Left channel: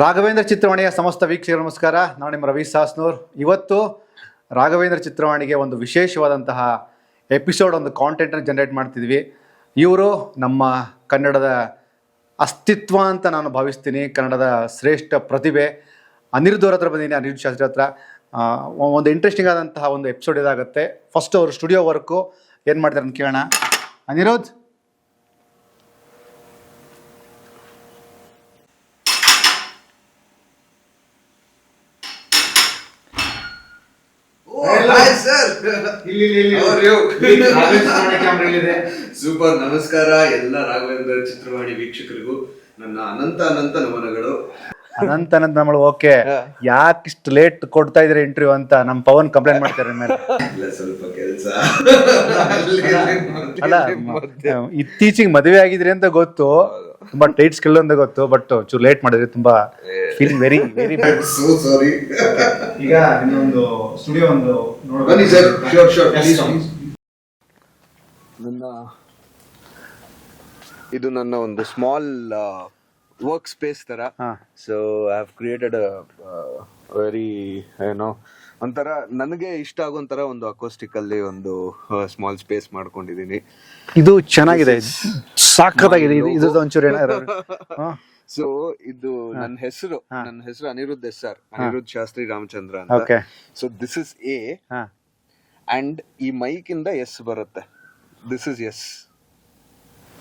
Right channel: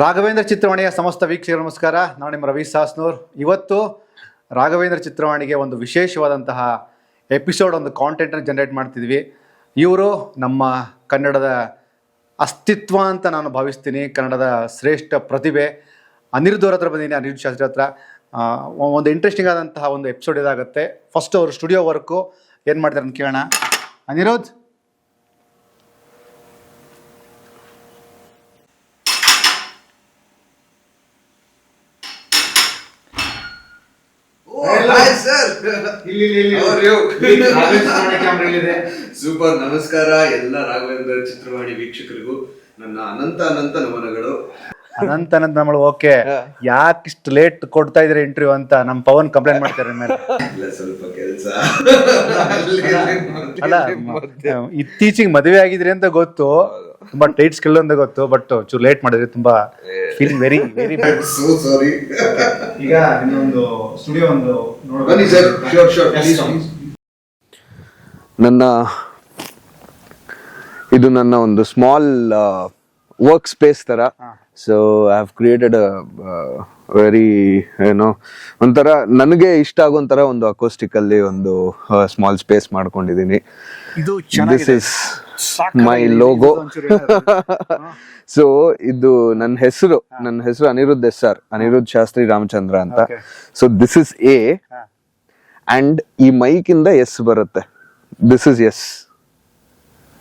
ರಾಘವೇಂದ್ರ ಚಿತ್ರವಾಣಿಯ ಸಮಸ್ತ ವೀಕ್ಷಕರು ನಮಸ್ಕಾರ. ನಾನು ನಿಮ್ಮ ರವಿ ಸಾಸ್ನೂರ್. ಇವತ್ತು ರಾಘವೇಂದ್ರ ಚಿತ್ರವಾಣಿಗೆ ಒಂದು ವಿಶೇಷವಾದಂತಹ ಎಪಿಸೋಡ್, ಒಂದು ಕಾಂಟೆಂಟನ್ನು ಜನರೇಟ್ ಮಾಡ್ತಿದ್ವಿ. ಇವರು ನಮ್ಮ ಕನ್ನಡದ ಅಸ್ತಿತ್ವ ಅಂತ ನಾನು ಭಾವಿಸ್ತೀನಿ. ಕನ್ನಡದ ಶ್ರೇಷ್ಠ ಪ್ರತಿಭೆ ಅನಿರುದ್ಧ್ ಅವ್ರ ಹತ್ರ ಬಂದಿದ್ದೀನಿ. ಅನಿರುದ್ಧ್ ಶಾಸ್ತ್ರಿ ಹತ್ರ ಒಂದು ಇಂಟ್ರೆಸ್ಟಿಂಗ್ ಆದಂತಹ ಒಂದು ಎಪಿಸೋಡ್ ಇದಾಗುತ್ತೆ. ಫಸ್ಟ್ ಅವರು ಸ್ಟುಡಿಯೋ ವರ್ಕು ಏನು ಮಾಡ್ತಾರೆ ಅಂತ ಕೇಳೋಣ. ಅನಿರುದ್ಧ್, ಸೂಪರ್. ನಮಸ್ಕಾರ ಎಲ್ಲ ರಾಘವೇಂದ್ರ ಚಿತ್ರವಾಣಿ ವೀಕ್ಷಕರಿಗೂ ನನ್ನ ಅನಂತ ಅನಂತ ನಮನಗಳು. ಅನಂತ ನಮ್ಮಳು ಓಕೆ. ಯಾಕಿಷ್ಟು ಲೇಟ್ ಕೊಡ್ತಾ ಇದ್ರೆ ಇಂಟರ್ವ್ಯೂ ಅಂತ ನಮ್ಮ ಪವನ್ ಕಂಪ್ಲೇಂಟ್ ಮಾಡ್ತಾರೆ ಮೇಲೆ. ಇಲ್ಲ, ಸ್ವಲ್ಪ ಕೆಲಸ. ಅಲ್ಲ, ಇತ್ತೀಚೆಗೆ ಮದುವೆ ಆಗಿದ್ರಿ ಅಂತ ಗೊತ್ತು, ತುಂಬಾ ಟೈಟ್ ಸ್ಕಿಲ್ ಅಂತ ಗೊತ್ತು, ಬಟ್ ಚೂರು ಲೇಟ್ ಮಾಡಿದ್ರಿ. ತುಂಬಾ feeling very very so sorry. ಈಗ ಇನ್ನೊಂದು ಸ್ಟುಡಿಯೋ ಒಂದು ಬನ್ನಿ ಸರ್. ಶೋರ್. ಇದು ನನ್ನ ಒಂದು ಸ್ಮಾಲ್ ವರ್ಕ್ ಸ್ಪೇಸ್ ತರ. So I have created very ಒಂಥರ ನನಗೆ ಇಷ್ಟ ಆಗೋಂತರ ಒಂದು ಅಕೋಸ್ಟಿಕ್ ಅಲ್ಲಿ ಒಂದು ಸ್ಮಾಲ್ ಸ್ಪೇಸ್ ಮಾಡ್ಕೊಂಡಿದೀನಿ. ಇದು ಚೆನ್ನಾಗಿದೆ, ಲೋಗೋ. ಸೊ ಇದು ನನ್ನ ಹೆಸರು ಅನಿರುದ್ಧ್ SR, ಅನಿರುದ್ಧ್ ಶಾಸ್ತ್ರಿ ರಾಮಚಂದ್ರ ಅಂತ. So this is A and ಈ ಮೈಕ್ ಇಂದ S ಬರುತ್ತೆ. This is S.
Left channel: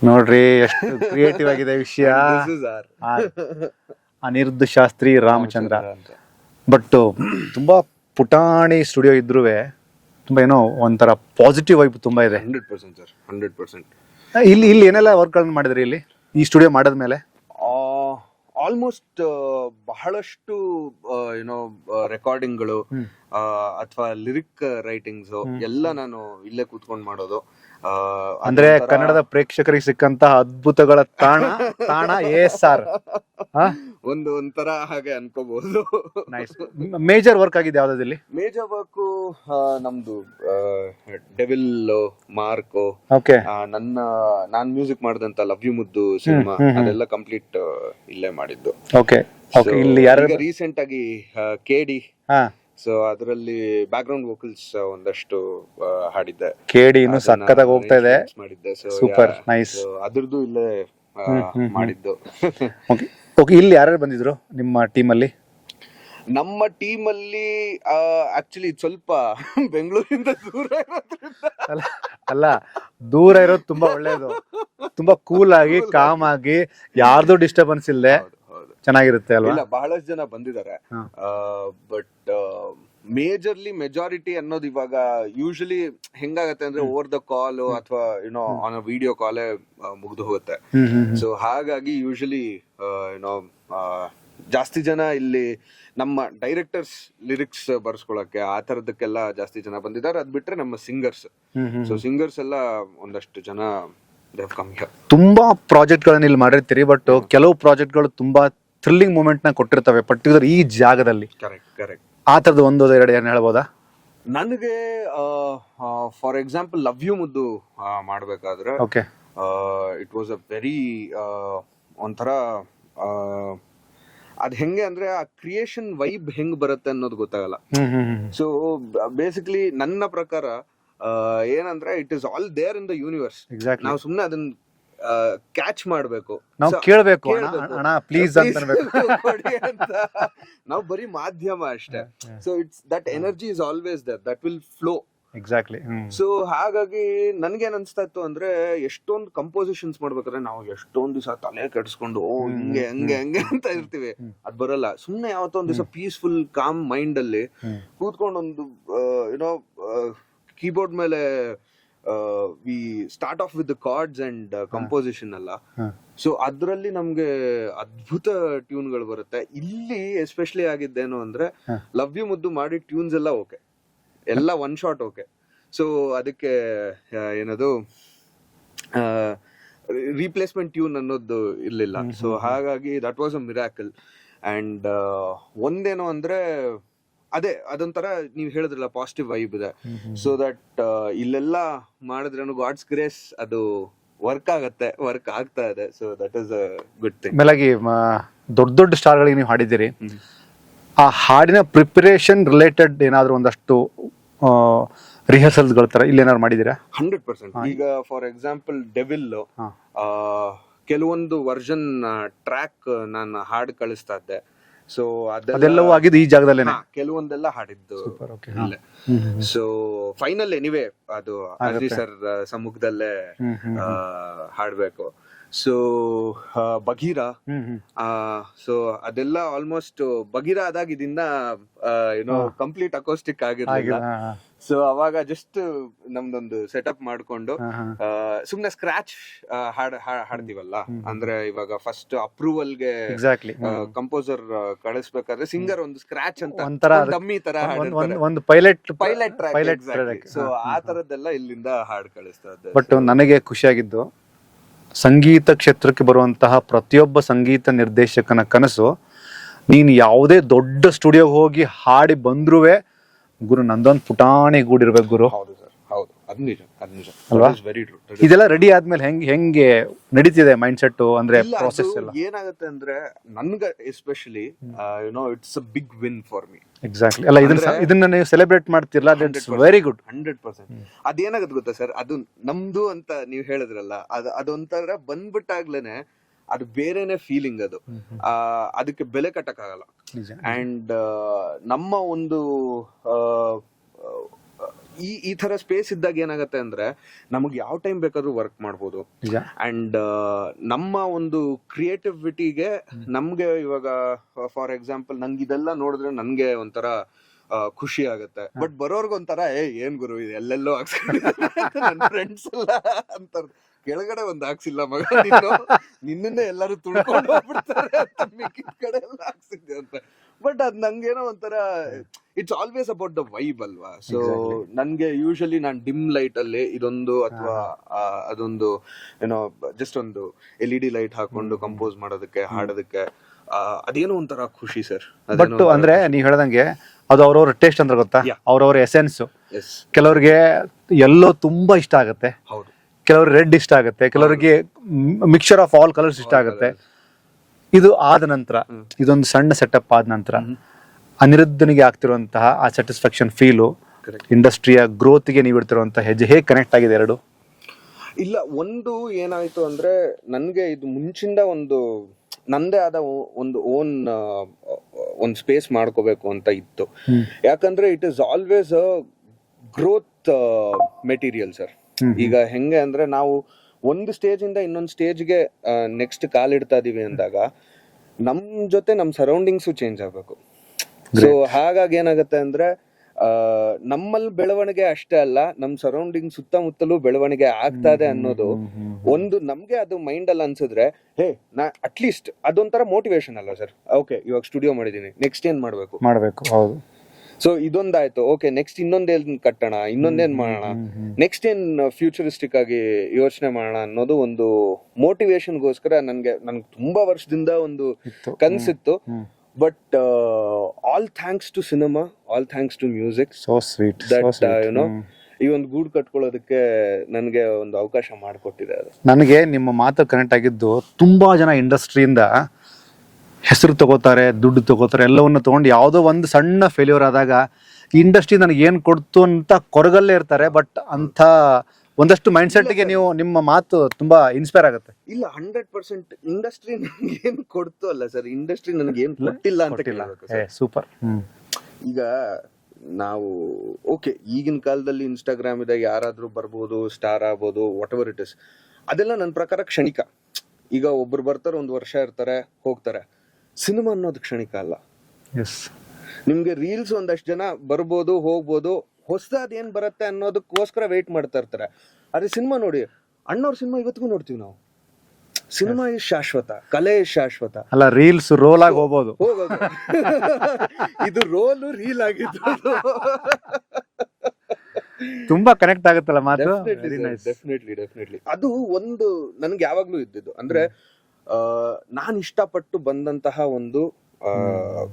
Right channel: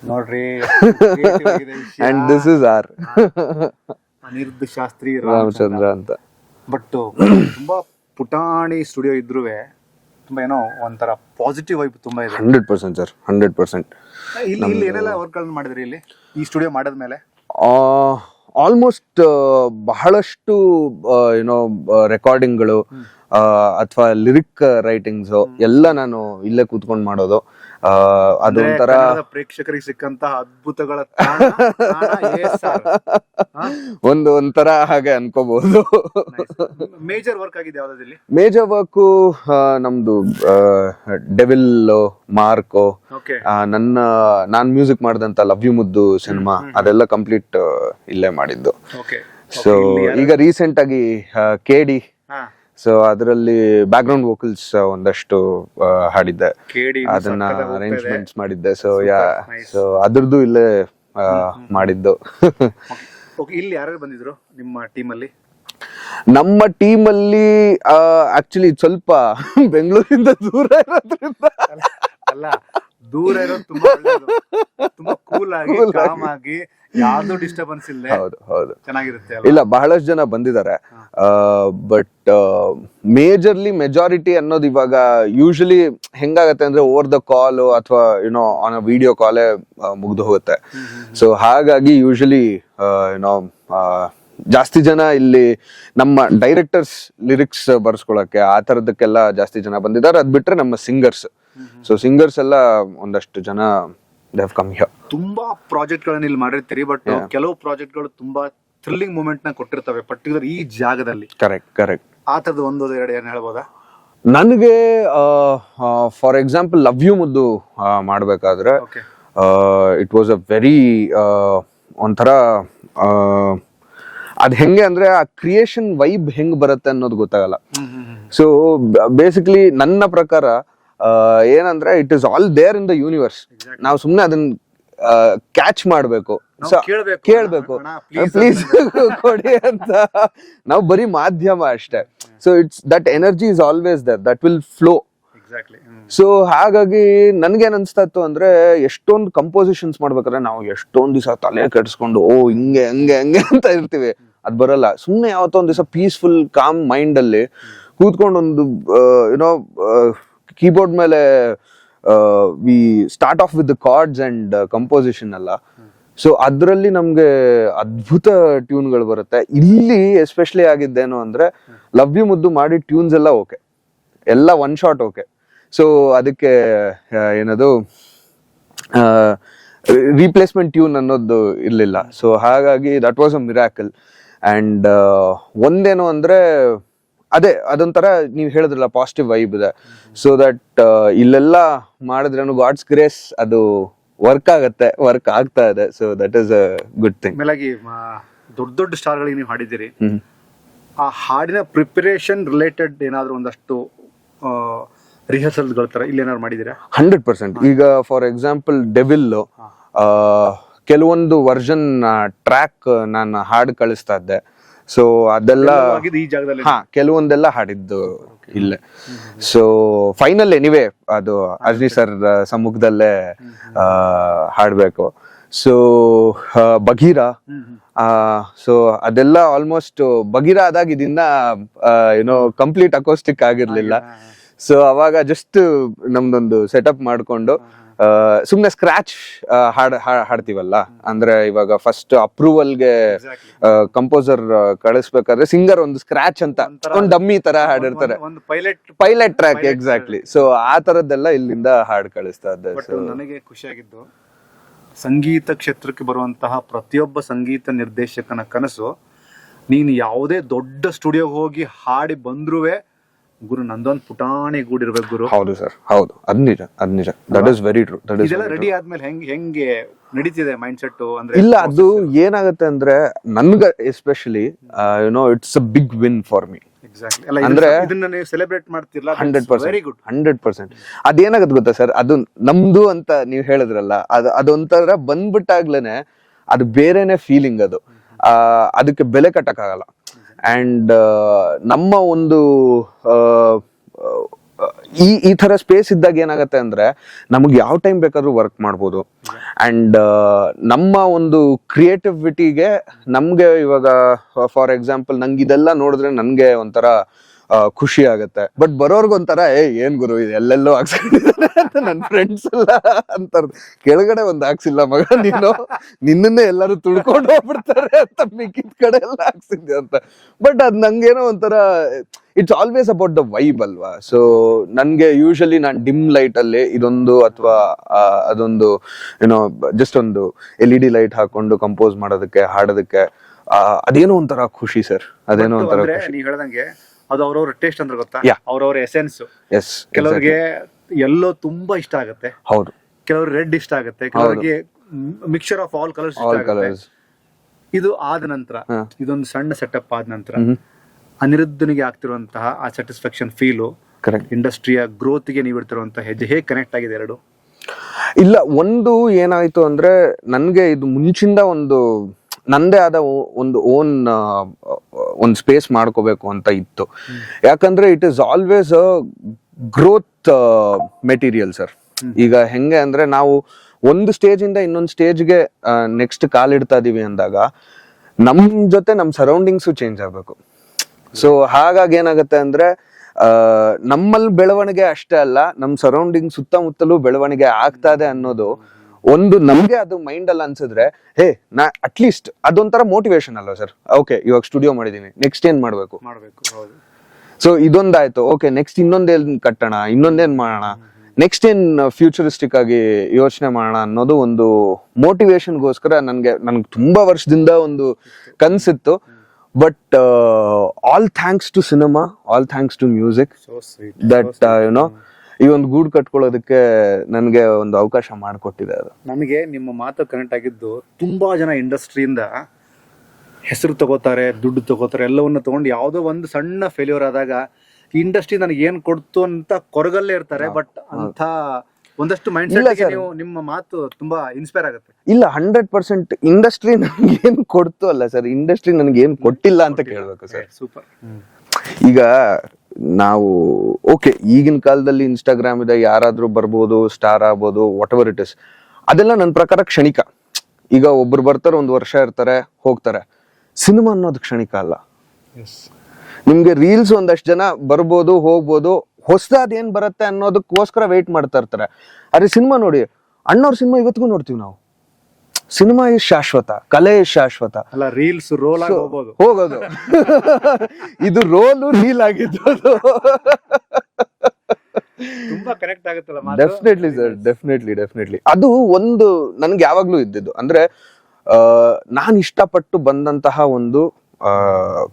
ನೋಡ್ರಿ ಕ್ರಿಯೇಟಿವ್ ಆಗಿದೆ ವಿಷಯ. And this is R, Aniruddh Shastri Ramachandra ಅಂತ. ಬಟ್ ತುಂಬಾ ಪುಟಾಣಿ ಸ್ಟುಡಿಯೋ ಇದ್ರುವೆ ತುಂಬಾ ಏನೋ ಒಂಥರ ಪಾಸಿಟಿವ್ ವೈಬ್ ತುಂಬಾ ಇದೆ. 100% ಸರ್, 100%. ಇಲ್ಲಿ ಏನೆಲ್ಲ ವರ್ಕ್ ಗಳನ್ನ ಮಾಡಿದ್ರಿ ಇಲ್ಲಿ ಈ ಸ್ಟುಡಿಯೋ ಮಾಡದ್ಮೇಲೆ? ಆಲ್ಮೋಸ್ಟ್ ಬಹಳಷ್ಟು ರೆಕಾರ್ಡಿಂಗ್ಗಳು ಅಥವಾ ಲಿರಿಕ್ ರೈಟಿಂಗ್ಸ್ ಎಲ್ಲ ನಾನು ಇಲ್ಲೇ ಕೂತ್ಕೊಂಡು ಮಾಡೋದು. ಅದೊಂಥರ ಪ್ರೇಕ್ಷಕರಿಗೆ ಸಿಕ್ಕಂತಹ ಅದ್ಭುತಗಳ ಒಂಥರ ಹಾಗೆ ಅನ್ಕೋಬಹುದು. ಮೇಜರ್ ವರ್ಕ್ ಆಗಿದೆ ಯಾವ್ದಾದಲ್ಲಿ? ಮೇಜರ್ ವರ್ಕ್ ನಮ್ದು ಡೆವಿಲ್ ಮಾರ್ಕೋ, ನಾನ್ ಮ್ಯೂಸಿಕ್ ಮಾಡಿದಂತ ಲವ್ ಯು ಮುದ್ದು ಸಿನಿಮಾ, ಅದೆಲ್ಲ ಕಂಪ್ಲೀಟ್ ಇಲ್ಲೇ ಮಾಡಿದ್ದು. ಈಗ ರೀಸೆಂಟ್ ಆಗಿ KD, ಸೊ ಅದರಲ್ಲಿ ಬ್ಯಾಕ್ ಗ್ರೌಂಡ್ ವೋಕಲ್ಸ್ ಒಂದಷ್ಟು ಹಾಡಿದ್ದೆ, ಮಾಡಿದ್ದೆ. ಸೊ ಅದ್ರದ್ದು ಇಲ್ಲೇ ಮಾಡಿದ್ದು. ಇಲ್ಲಿ ಯಾರ್ಯಾರು ಬಂದಿದ್ರು ನಿಮ್ಮ ಟೀಮಲ್ಲಿ? ನಮ್ಮ ಟೀಮಲ್ಲಿ ಆಕ್ಚುಲಿ ಸ್ವಲ್ಪ ಬೆಂಗಳೂರಿಂದ ದೂರ ಇರೋದ್ರಿಂದ. ಅಲ್ಲ, ದೂರ ಇರೋದು ತುಂಬಾ ಒಳ್ಳೇದು. ತುಂಬಾ ಕೂಲ್ ಆಗಿ ಕಾಮ್ ಆಗಿ ಯಾರ್ದು ಡಿಸ್ಟರ್ಬೆನ್ಸ್ ಇಲ್ಲದೆ ಚೆನ್ನಾಗಿರುತ್ತೆ. ಇಲ್ಲ, ಬಹಳಷ್ಟು ಜನ ಬಂದಿದ್ದಾರೆ. ಬಟ್ ಮೆಜಾರಿಟಿ ಅನ್ನೋದು ಇವಾಗ ಯೂಶಲಿ ಹೆಂಗಾಗತ್ತೆ ಅಂದ್ರೆ ಓವರ್ ದ ಕಾಲ್ ಅಥವಾ ಆನ್ ಅ ವಿಡಿಯೋ ಕಾಲೇ ಮುಗ್ದು ಹೋಗುತ್ತೆ. ಸೊ ಹಾಗಾಗಿ ಯೂಶಲಿ ಜಾಸ್ತಿ ಜನ ಇಲ್ಲಿ ನಮ್ಮ ಡೈರೆಕ್ಟರ್ಸ್ ಲಿರಿಕ್ಸ್ ಬರ್ಸ್ಕೊಳಕ್ಕೆ ಆ ತರದಕ್ಕೆಲ್ಲ ಜಾಸ್ತಿ ಜನ ಬಂದಿದ್ದಾರೆ. ಅದ್ ಬಿಟ್ರೆ ನಮ್ಮ ಸಿಂಗರ್ಸ್, ಸೊ ಸಿಂಗರ್ಸ್ ಎಲ್ಲ ಒಂದಷ್ಟು ಜನ ತುಂಬಾ ಪ್ರಾಜೆಕ್ಟ್ ಗಳನ್ನ ಇಲ್ಲಿ ಮಾಡಿರ್ತೀರಿ. ಬಟ್ ಕೆಲವು ಪ್ರಾಜೆಕ್ಟ್ ಗಳು ತುಂಬಾ ಥ್ರಿಲ್ಲಿಂಗ್ ಮೂಮೆಂಟ್ ನ ಕೊಟ್ಟಿರ್ತವೆ ಪರ್ಟಿಕ್ಯುಲರ್ ಈ ಜಾಗದಲ್ಲಿ. ಕರೆಕ್ಟ್. ಆ ತರದ್ದು ಒಂದೋದ ಎರಡು ಏನ್ ಹೇಳ್ಬೋದಾ? ನನಗೆ ಫಾರ್ ಎಕ್ಸಾಂಪಲ್ ಲವ್ ಯು ಮುದ್ದು ಮಾಡ್ಬೇಕಾದ್ರೆ ಇಟ್ ವಾಸ್ ಅ ವೆರಿ ಒಂಥರ ಅದ್ ಹೆಂಗೆ ಅಂದ್ರೆ ಆ ಕ್ರಿಯೇಷನ್ ವೈಬ್ ಹೆಂಗ್ ಬರುತ್ತೆ ಅನ್ನೋದು ಗೊತ್ತಾಗಲ್ಲ. ಸೊ ಬೇಸಿಕಲಿ ನನ್ನ ಪ್ರಕಾರ ಏನಂದ್ರೆ it is all there in the universe. ನಾವು ಸುಮ್ನೆ ಅದನ್ನ ಕ್ಯಾಚ್ ಮಾಡ್ಬೇಕು, ಕೇಳ್ಬೇಕು ಕೊಡಿ ಅಂತ. ನಾವು ಬರೀ ಮಾಧ್ಯಮ ಅಷ್ಟೇ. So it's that energy is always there, that will flow. Exactly. So ಹಾಗಾಗಿ ನನ್ಗೇನ್ ಅನ್ಸ್ತಾ ಇತ್ತು ಅಂದ್ರೆ, ಎಷ್ಟೊಂದು ಕಂಪೋಸಿಷನ್ಸ್ ಮಾಡ್ಬೇಕಾದ್ರೆ ನಾವು ಎಷ್ಟೊಂದ್ ದಿವಸ ತಲೆ ಕೆಡ್ಸ್ಕೊಂಡು ಹಿಂಗೆ ಅಂತ ಇರ್ತೀವಿ. ಅದ್ ಬರಲ್ಲ. ಸುಮ್ನೆ ಯಾವತ್ತೋ ಒಂದ್ ದಿವಸ ಪೀಸ್ಫುಲ್ ಕಾಮ್ ಮೈಂಡ್ ಅಲ್ಲಿ ಕೂತ್ಕೊಂಡು ಒಂದು ಕೀಬೋರ್ಡ್ ಮೇಲೆ we start of with the cards and composition ಅಲ್ಲ. ಸೊ ಅದ್ರಲ್ಲಿ ನಮ್ಗೆ ಅದ್ಭುತ ಟ್ಯೂನ್ ಗಳು ಬರುತ್ತೆ. ಇಲ್ಲಿ ಎಸ್ಪೆಷಲಿ ಆಗಿದ್ದೇನು ಅಂದ್ರೆ, ಲವ್ ಯು ಮುದ್ದು ಮಾಡಿ ಟ್ಯೂನ್ಸ್ ಎಲ್ಲ ಓಕೆ, ಎಲ್ಲ ಒನ್ ಶಾಟ್ ಓಕೆ. ಸೊ ಅದಕ್ಕೆ ಏನದು ರೀಪ್ಲೇಸ್ಮೆಂಟ್ ಟ್ಯೂನ್ ಅನ್ನೋದು ಇರ್ಲಿಲ್ಲ. ಸೊ ಹಾಗಾಗಿ that was a miracle. And ಒಂದೇನು ಅಂದ್ರೆ, ಅದೊಂಥರ ನೀವ್ ಹೇಳಿದ್ರಲ್ಲ ಪಾಸಿಟಿವ್ ವೈಬ್ ಇದೆ. ಸೊ ದಟ್ ಇಲ್ಲೆಲ್ಲ ಮಾಡಿದ್ರೇನು ಗಾಡ್ಸ್ ಗ್ರೇಸ್ ಅದು ವರ್ಕ್ ಆಗತ್ತೆ, ವರ್ಕ್ ಆಗ್ತಾ ಇದೆ. So that is a good thing. ಮೇಲಾಗಿ ದೊಡ್ಡ ದೊಡ್ಡ ಸ್ಟಾರ್ಗಳಿಗೆ ನೀವು ಹಾಡಿದ್ದೀರಿ. ಆ ಹಾಡಿನ ಪ್ರಿಪರೇಷನ್ ರಿಲೇಟೆಡ್ ಏನಾದ್ರು ಒಂದಷ್ಟು ರಿಹರ್ಸಲ್ಸ್ಗಳ ತರ ಇಲ್ಲಿ ಏನಾದ್ರು ಮಾಡಿದ್ದೀರಾ? 100%. ಈಗ ಫಾರ್ ಎಕ್ಸಾಂಪಲ್ ಡೆವಿಲ್ ಕೆಲವೊಂದು ವರ್ಷನ್ ಟ್ರ್ಯಾಕ್ ನಾನು ಹಾಡು ಕಳಿಸ್ತಾ ಇದ್ದೆ. ಸೊ ಅದೆಲ್ಲ ಆಗಿದ್ದು ಈ ಜಾಗದಲ್ಲಿ ಕೆಲವೊಂದೆಲ್ಲ ಹಾಡಿದ್ದು ಇಲ್ಲೇ. ಸೊ ಫೈನಲ್ ಎನಿವೇ ಅದು ಅರ್ಜಿ ಸರ್ ಸಮ್ಮುಖದಲ್ಲೇ ಹಾಡ್ಬೇಕು. ಸೊ ಬಗೀರಾ, ಸೊ ಅದೆಲ್ಲ ಆಲ್ಮೋಸ್ಟ್ ಬಗೀರಾ ಆದಾಗ ಇದನ್ನ ಏನೋ ಕಂಪ್ಲೀಟ್ ಅಕೋಸ್ಟಿಕ್ ಆಗಿರ್ಲಿಲ್ಲ. ಸೊ ಅವಾಗ ಜಸ್ಟ್ ನಮ್ದೊಂದು ಸೆಟಪ್ ಮಾಡ್ಕೊಂಡು ಸುಮ್ನೆ ಸ್ಕ್ರಾಚ್ ಹಾಡ್ತೀವಲ್ಲ, ಅಂದ್ರೆ ಇವಾಗ ಫಸ್ಟ್ ಅಪ್ರೂವಲ್ಗೆ ಕಂಪೋಸರ್ ಕಳಿಸ್ಬೇಕಾದ್ರೆ ಸಿಂಗರ್ ಒಂದು ಸ್ಕ್ರಾಚ್ ಅಂತ ಒಂದು ಡಮ್ಮಿ ತರ ಹಾಡಿರ್ತಾರೆ, ಒಂದು ಪೈಲಟ್ ಟ್ರ್ಯಾಕ್. ಎಕ್ಸಾಕ್ಟ್ಲಿ. ಸೊ ಆ ತರದ್ದೆಲ್ಲ ಇಲ್ಲಿಂದ ಹಾಡ್ ಕಳಿಸ್ತಾ ಇದ್ದೆ. ಬಟ್ ನನಗೆ ಖುಷಿಯಾಗಿದ್ದು, ಸಂಗೀತ ಕ್ಷೇತ್ರಕ್ಕೆ ಬರುವಂತಹ ಪ್ರತಿಯೊಬ್ಬ ಸಂಗೀತ ನಿರ್ದೇಶಕನ ಕನಸು, ನೀನು ಯಾವುದೇ ದೊಡ್ಡ ಸ್ಟುಡಿಯೋಗೆ ಹೋಗಿ ಹಾಡಿ ಬಂದ್ರುವೆ ಗುರು ನಂದೊಂದು ಪುಟಾಣಿ ಗೂಡಿರ್ಬೇಕು ಗುರು. ಹೌದು ಸರ್, ಹೌದು, ಅದ್ ನಿಜ. That is very true. ಇದೆಲ್ಲ ರೆಡಿ ಆದ್ಮೇಲೆ ಹೆಂಗೆ ನಡೀತಿದೆ ಮೈಂಡ್ ಸೆಟ್ ಅಂದ್ರೆ? ಇಲ್ಲ, ಅದು ಏನಾಗುತ್ತೆ ಅಂದ್ರೆ ನನ್ಗ especially it's a big win for me. Exactly. ಅಲ್ಲ, ಅಂದ್ರೆ ಇದನ್ನ ನೀವು ಸೆಲೆಬ್ರೇಟ್ ಮಾಡ್ತಿರಲ್ಲ, 100%. Very good. 100%. ಅದೇನಾಗತ್ತೆ ಗೊತ್ತಾ ಸರ್, ಅದು ನಮ್ದು ಅಂತ ನೀವ್ ಹೇಳಿದ್ರಲ್ಲ, ಅದೊಂಥರ ಬಂದ್ಬಿಟ್ಟಾಗ್ಲೇನೆ ಅದು ಬೇರೆನೆ ಫೀಲಿಂಗ್. ಅದು ಅದಕ್ಕೆ ಬೆಲೆ ಕಟ್ಟಕ್ಕಾಗಲ್ಲ. ಅಂಡ್ ನಮ್ಮ ಒಂದು ಈ ತರ ಸ್ಪೇಸ್ ಇದ್ದಾಗ ಏನಾಗತ್ತೆ ಅಂದ್ರೆ ನಮ್ಗೆ ಯಾವ ಟೈಮ್ ಬೇಕಾದ್ರೂ ವರ್ಕ್ ಮಾಡ್ಬೋದು. ಅಂಡ್ ನಮ್ಮ ಒಂದು ಕ್ರಿಯೇಟಿವಿಟಿಗೆ ನಮ್ಗೆ ಇವಾಗ ಫಾರ್ ಎಕ್ಸಾಂಪಲ್ ನಂಗೆ ಇದೆಲ್ಲ ನೋಡಿದ್ರೆ ನನ್ಗೆ ಒಂಥರ ಖುಷಿ ಆಗತ್ತೆ. ಬಟ್ ಬರೋರ್ಗೊಂಥರ ಏನ್ ಗುರು ಇದು ಎಲ್ಲೆಲ್ಲೋ ಹಾಕ್ಸ್ಕೊಂಡಿದ್ದಾರೆ ನನ್ನ ಫ್ರೆಂಡ್ಸ್ ಎಲ್ಲ ಅಂತಾರ, ಕೆಳಗಡೆ ಒಂದ್ ಹಾಕ್ಸಿಲ್ಲ ಮಗ ನಿನ್ನನ್ನೇ ಎಲ್ಲಾರು ತುಳ್ಕೊಂಡು ಹೋಗ್ಬಿಡ್ತಾರೆ ಅಂತ ಮಿಕ್ಕಿದ ಕಡೆ ಎಲ್ಲ ಹಾಕ್ಸಿದ್ದೆ ಅಂತ. ಬಟ್ ಅದ್ ನಂಗೇನೋ ಒಂಥರ it's always about the vibe ಅಲ್ವಾ. ಸೊ ನನ್ಗೆ ಯೂಶಲಿ ನಾನ್ ಡಿಮ್ ಲೈಟ್ ಅಲ್ಲಿ ಇದೊಂದು ಅಥವಾ ಅದೊಂದು ಏನೋ ಜಸ್ಟ್ ಒಂದು LED ಲೈಟ್ ಹಾಕೊಂಡು ಕಂಪೋಸ್ ಮಾಡೋದಕ್ಕೆ, ಹಾಡೋದಕ್ಕೆ ಅದೇನೋ ಒಂಥರ ಖುಷಿ ಸರ್. ಅದೇನೋ ಅಂದ್ರೆ ನೀವ್ ಹೇಳ್ದಂಗೆ ಅದು ಅವ್ರವ್ರ ಟೇಸ್ಟ್ ಅಂದ್ರೆ ಗೊತ್ತಾ, ಅವ್ರವ್ರ ಎಸೆನ್ಸ್. ಕೆಲವ್ರಿಗೆ ಎಲ್ಲೋ ತುಂಬಾ ಇಷ್ಟ ಆಗುತ್ತೆ, ಹೌದು. ಕೆಲವ್ರಿಗೆ ರೆಡ್ ಇಷ್ಟ ಆಗುತ್ತೆ, ಕೆಲವರಿಗೆ ಮಿಕ್ಸರ್ ಆಫ್ ಆಲ್ ಕಲರ್ಸ್ ಇಷ್ಟ ಆಗುತ್ತೆ. ಇದು ಆದ ನಂತರ, ಇದೊಂದು ಸಣ್ಣ ಸೆಟಪ್ ಆದ ನಂತರ ಅನಿರುದ್ಧನಿಗೆ ಆಗ್ತಿರುವಂತಹ ಆ ಸ್ಯಾಟಿಸ್ಫ್ಯಾಕ್ಷನ್ ಫೀಲು, ಇಂಡಸ್ಟ್ರಿಯ ಗ್ರೋತ್ಗೆ ನೀವು ಇಡ್ತಿರುವಂತಹ ಹೆಜ್ಜೆ ಹೇಗೆ ಕನೆಕ್ಟ್ ಆಗಿದೆ ಎರಡು? ಇಲ್ಲ, ಒಂದು ಏನಾಯ್ತು ಅಂದ್ರೆ ನನ್ಗೆ ಇದು ಮುಂಚಿಂದ ಒಂದು ನಂದೇ ಆದ ಒಂದು ಒಂದು ಸ್ಪೇಸ್ ಮಾಡ್ಕೋಬೇಕು ಅಂತ ಇತ್ತು. ಯಾಕಂದ್ರೆ it is always a growth material sir. ಈಗ ಹೆಂಗೆ ಅಂದ್ರೆ ನಾವು ಒಂದು ಸ್ಟೇಜ್ ಇಂದ ಇನ್ನೊಂದು ಸ್ಟೇಜ್ಗೆ ನೆಕ್ಸ್ಟ್ ಕಾಲಿಡ್ತಾ ಇದೀವಿ ಅಂದಾಗ ನಮ್ ಜೊತೆ ನಮ್ ಸರೌಂಡಿಂಗ್ಸ್ ಚೇಂಜ್ ಆಗ್ಬೇಕು. ಸೊ ಹಾಗಾಗಿ ಏನಾಗುತ್ತೆ ಅಂದ್ರೆ ನಮ್ಮಲ್ಲಿ ಬೆಳವಣಿಗೆ ಅಷ್ಟೇ ಅಲ್ಲ, ನಮ್ ಸರೌಂಡಿಂಗ್ ಸುತ್ತಮುತ್ತಲೂ ಬೆಳವಣಿಗೆ ಆಗ್ತಾ ಇದೆ ಅನ್ನೋದು ಒಂದು ನಮ್ಗೆ ಅದು ಮೈಂಡ್ ಅಲ್ಲಿ ಅನ್ಸಿದ್ರೆ, ನಾ ಅಟ್ಲೀಸ್ಟ್ ಅದೊಂಥರ ಮೋಟಿವೇಶನ್ ಅಲ್ವಾ ಸರ್. ಓಕೆ, ಇವಾಗ ಸ್ಟುಡಿಯೋ ಮಾಡಿದೀನಿ, ನೆಕ್ಸ್ಟ್ ಏನ್ ಮಾಡ್ಬೇಕು. ಹೌದು. ಸೊ ಇದೊಂದಾಯ್ತು, ಓಕೆ ನೆಕ್ಸ್ಟ್ ಇನ್ನೊಂದೇನ್ ಕಟ್ಟೋಣ, ಇನ್ನೊಂದೇನ್ ಮಾಡೋಣ, ನೆಕ್ಸ್ಟ್ ಏನ್ ಫ್ಯೂಚರಿಸ್ಟಿಕ್ ಆಗಿ ಯೋಚನೆ ಮಾಡೋಣ ಅನ್ನೋದು ಒಂದು ಮೋಟಿವೇಶನ್ಗೋಸ್ಕರ ನನ್ಗೆ ತುಂಬಾ ವರ್ಷದಿಂದ ಒಂದು ಕನ್ಸಿತ್ತು. But all thanks to cinema, all thanks to music, so sweet that ಈ ಒಂದು ಗೂಡು ಕಟ್ಕೊಳ್ಳೋದಕ್ಕೆ ನನ್ಗೆ ಒಂದು ಅವಕಾಶ ಮಾಡಿಕೊಟ್ಟಿದೆ ಅದು. ನನಗೆ ನಿಮ್ಮ ಮಾತು ಕನೆಕ್ಟ್ ಆಗಿದ್ದು, ತುಂಬಾ ಜನ ಇಂಡಸ್ಟ್ರಿಯಿಂದ ಹೆಸರು ತಗೋತಾರೆ, ದುಡ್ಡು ತಗೋತಾರೆ, ಎಲ್ಲವನ್ನ ತಗೊಂಡು ಯಾವುದೋ ಒಂದು ಸಣ್ಣ ಫೇಲ್ಯೂರ್ ಆದಾಗ ಇಂಡಸ್ಟ್ರಿ ನನಗೆ ಏನ್ ಕೊಡ್ತು ಅಂತ ಕೊರಗಲ್ಲೇ ಇರ್ತಾರೆ. ಬಟ್ ಅಂತ ಒಂದಷ್ಟು ಮೈಂಡ್ ಸೆಟ್ಗೆ ನೀವು ನಿಮ್ಮ ಮಾತು ತುಂಬಾ ಇನ್ಸ್ಪೈರ್ ಆಗುತ್ತೆ. ಇಲ್ಲ, 100% ಇಂಡಸ್ಟ್ರಿ ನನ್ಗೆ ಏನ್ ಕೊಡ್ತು ಅಲ್ಲ ಸರ್, ಇಂಡಸ್ಟ್ರಿ ನನ್ಗೆ ಏನ್ ಕೊಟ್ಟಿಲ್ಲ ಅಂತ ಕೇಳಬೇಕು ಸರ್. ಸೂಪರ್. ಈಗ ನಾವು ಓಕೆ, ಈಗಿನ ಕಾಲದಲ್ಲಿ ಇನ್ಸ್ಟಾಗ್ರಾಮ್ ಇದೆ, ಯಾರಾದ್ರೂ ಬರ್ಬೋದು, ಸ್ಟಾರ್ ಆಗ್ಬೋದು, ವಾಟ್ ಎವರ್ ಇಟ್ ಇಸ್, ಅದೆಲ್ಲ ನನ್ನ ಪ್ರಕಾರ ಕ್ಷಣಿಕ. ಈಗ ಒಬ್ರು ಬರ್ತಾರೆ, ಒಂದು ವರ್ಷ ಇರ್ತಾರೆ, ಹೋಗ್ತಾರೆ. ಸಿನಿಮಾ ಅನ್ನೋದು ಕ್ಷಣಿಕ ಅಲ್ಲ. ನಿಮ್ಗೆ ರೀಲ್ಸ್ ಒಂದಷ್ಟು ಜನ ಬರ್ಬೋದು, ಹೋಗ್ಬೋದು, ಹೊಸದಾದ ಏನ್ ಬರುತ್ತೆ ಅನ್ನೋದಕ್ಕೋಸ್ಕರ ವೇಟ್ ಮಾಡ್ತಾ ಇರ್ತಾರೆ. ಆದ್ರೆ ಸಿನಿಮಾ ನೋಡಿ, ಅಣ್ಣವ್ರ ಸಿನಿಮಾ ಇವತ್ತಿಗೂ ನೋಡ್ತೀವಿ ನಾವು. ಸಿನಿಮಾ ಇಸ್ ಶಾಶ್ವತ, ಕಲೆ ಇಸ್ ಶಾಶ್ವತ ಅಲ್ಲ. ರೀಲ್ಸ್ ರೋಲ್ ಆಗಿ ಹೋಗೋದು ಇದು ರೋಲು ರೀಲ್ ಆಗಿದ್ದು ತುಂಬಾ ಕನೆಕ್ಟ್ ಆಗುತ್ತಲ್ಲ. Definitely sir, definitely. ಅದು ಒಂದು ನನ್ಗೆ ಯಾವಾಗ್ಲೂ ಇದ್ದಿದ್ದು. ಅಂದ್ರೆ ನಾನ್ ಇಷ್ಟಪಟ್ಟು ಬಂದಂತಹ ಒಂದು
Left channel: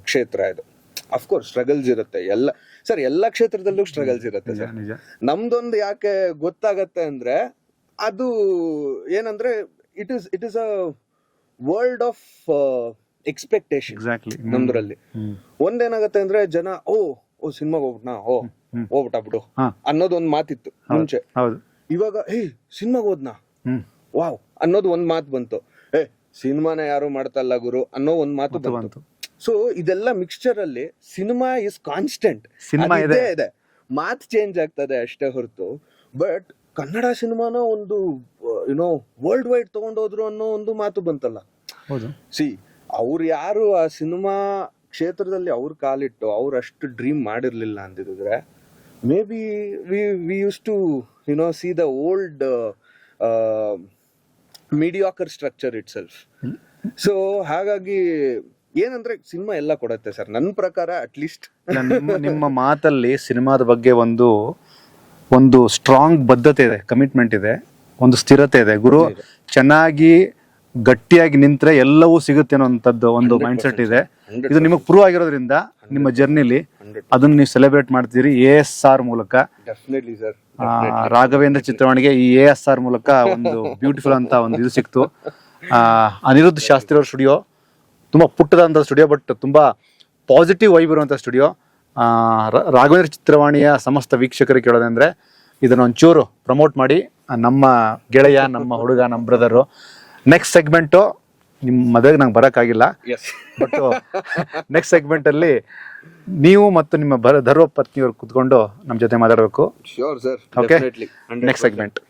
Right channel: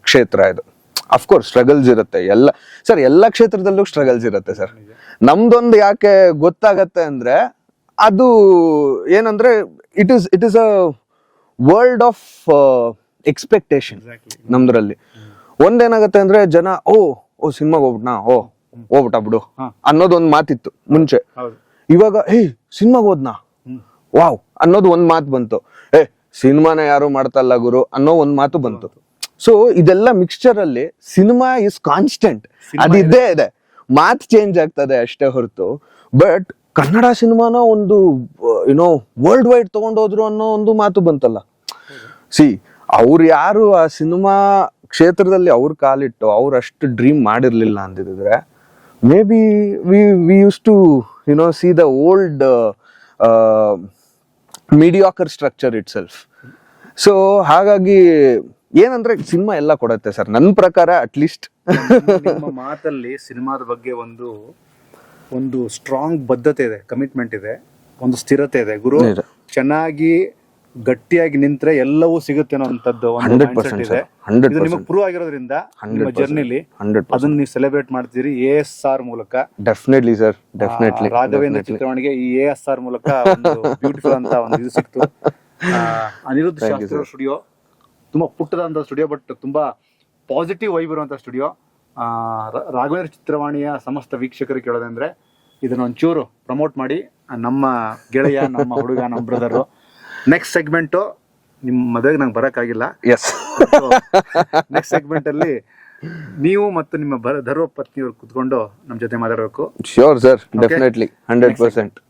ಕ್ಷೇತ್ರ ಇದು. ಅಫ್ಕೋರ್ಸ್ ಸ್ಟ್ರಗಲ್ಸ್ ಇರುತ್ತೆ, ಎಲ್ಲ ಕ್ಷೇತ್ರದಲ್ಲೂ ಸ್ಟ್ರಗಲ್ಸ್ ಇರುತ್ತೆ ಸರ್. ನಮ್ದೊಂದು ಯಾಕೆ ಗೊತ್ತಾಗತ್ತೆ ಅಂದ್ರೆ, ಅದು ಏನಂದ್ರೆ it is a world of expectation exactly. ನಮ್ದ್ರಲ್ಲಿ. ಒಂದೇನಾಗತ್ತೆ ಅಂದ್ರೆ ಜನ ಓ ಸಿನಿಮಾಗ್ ಹೋಗ್ಬಿಟ್ನಾ ಹೋಗ್ಬಿಟ್ಟ ಬಿಡು ಅನ್ನೋದು ಒಂದ್ ಮಾತಿತ್ತು ಮುಂಚೆ. ಹೌದು. ಇವಾಗ ಸಿನಿಮಾಗ್ ಹೋದ್ನಾ ವಾವ್ ಅನ್ನೋದು ಒಂದ್ ಮಾತು ಬಂತು. ಸಿನಿಮಾನ ಯಾರು ಮಾಡ್ತಲ್ಲ ಗುರು ಅನ್ನೋ ಒಂದ್ ಮಾತು ಬಂತು. ಸೊ ಇದೆಲ್ಲ ಮಿಕ್ಸ್ಚರ್ ಅಲ್ಲಿ ಸಿನಿಮಾ ಇಸ್ ಕಾನ್ಸ್ಟೆಂಟ್, ಅದಿದ್ದೇ ಇದೆ, ಮಾತ್ ಚೇಂಜ್ ಆಗ್ತದೆ ಅಷ್ಟೇ ಹೊರತು. ಬಟ್ ಕನ್ನಡ ಸಿನಿಮಾನ ಒಂದು ಏನೋ ವರ್ಲ್ಡ್ ವೈಡ್ ತಗೊಂಡೋದ್ರು ಅನ್ನೋ ಒಂದು ಮಾತು ಬಂತಲ್ಲ. ಸಿ ಅವ್ರು ಯಾರು ಆ ಸಿನಿಮಾ ಕ್ಷೇತ್ರದಲ್ಲಿ ಅವ್ರ ಕಾಲಿಟ್ಟು ಅವ್ರು ಅಷ್ಟು ಡ್ರೀಮ್ ಮಾಡಿರ್ಲಿಲ್ಲ ಅಂದಿದ್ರೆ maybe we use to see the old mediocre structure itself. So ಹಾಗಾಗಿ ಏನಂದ್ರೆ ಸಿನಿಮಾ ಎಲ್ಲ ಕೊಡತ್ತೆ ಸರ್ ನನ್ನ ಪ್ರಕಾರ. ಅಟ್ಲೀಸ್ಟ್ ನಿಮ್ಮ ಮಾತಲ್ಲಿ ಸಿನಿಮಾದ ಬಗ್ಗೆ ಒಂದು ಸ್ಟ್ರಾಂಗ್ ಬದ್ಧತೆ ಇದೆ, ಕಮಿಟ್ಮೆಂಟ್ ಇದೆ, ಒಂದು ಸ್ಥಿರತೆ ಇದೆ. ಗುರು ಚೆನ್ನಾಗಿ ಗಟ್ಟಿಯಾಗಿ ನಿಂತ್ರೆ ಎಲ್ಲವೂ ಸಿಗುತ್ತೆ ಅನ್ನೋಂಥದ್ದು ಒಂದು ಮೈಂಡ್ಸೆಟ್ ಇದೆ. ಇದು ನಿಮಗೆ ಪ್ರೂವ್ ಆಗಿರೋದ್ರಿಂದ ನಿಮ್ಮ ಜರ್ನಿಲಿ ಅದನ್ನ ನೀವು ಸೆಲೆಬ್ರೇಟ್ ಮಾಡ್ತೀರಿ ASR ಮೂಲಕ. ಡೆಫಿನೆಟ್ಲಿ ಸರ್, ರಾಘವೇಂದ್ರ ಚಿತ್ರವಾಣಿಗೆ ಈ ASR ಮೂಲಕ ಒಂದು ಬ್ಯೂಟಿಫುಲ್ ಅಂತ ಒಂದು ಇದು ಸಿಕ್ತು. ಅನಿರುದ್ಧ್ ಶಾಸ್ತ್ರಿ ಅವ್ರ ಸ್ಟುಡಿಯೋ ತುಂಬಾ ಪುಟ್ಟದಂತ ಸ್ಟುಡಿಯೋ, ಬಟ್ ತುಂಬಾ ಪಾಸಿಟಿವ್ ವೈಬ್ ಇರುವಂತ ಸ್ಟುಡಿಯೋ. ರಾಘವೇಂದ್ರ ಚಿತ್ರವಾಣಿಯ ಸಮಸ್ತ ವೀಕ್ಷಕರಿಗೆ ಕೇಳೋದಂದ್ರೆ ಇದನ್ನ ಒಂಚೂರು ಪ್ರಮೋಟ್ ಮಾಡಿ. ನಮ್ಮ ಗೆಳೆಯ, ನಮ್ಮ ಹುಡುಗ, ನಮ್ಮ ಬ್ರದರು. ನೆಕ್ಸ್ಟ್ ಸೆಗ್ಮೆಂಟ್ ನಿಮ್ಮ ಮದುವೆಗೆ ನಂಗೆ ಬರಕ್ಕಾಗಿಲ್ಲ. ನೆಕ್ಸ್ಟ್ ಸೆಗ್ಮೆಂಟ್ ಅಲ್ಲಿ ನೀವು ಮತ್ತು ನಿಮ್ಮ ಧರ್ಮ ಪತ್ನಿಯವರು ಕುತ್ಕೊಂಡು ನಮ್ಮ ಜೊತೆ ಮಾತಾಡಬೇಕು. Sure sir, definitely 100%.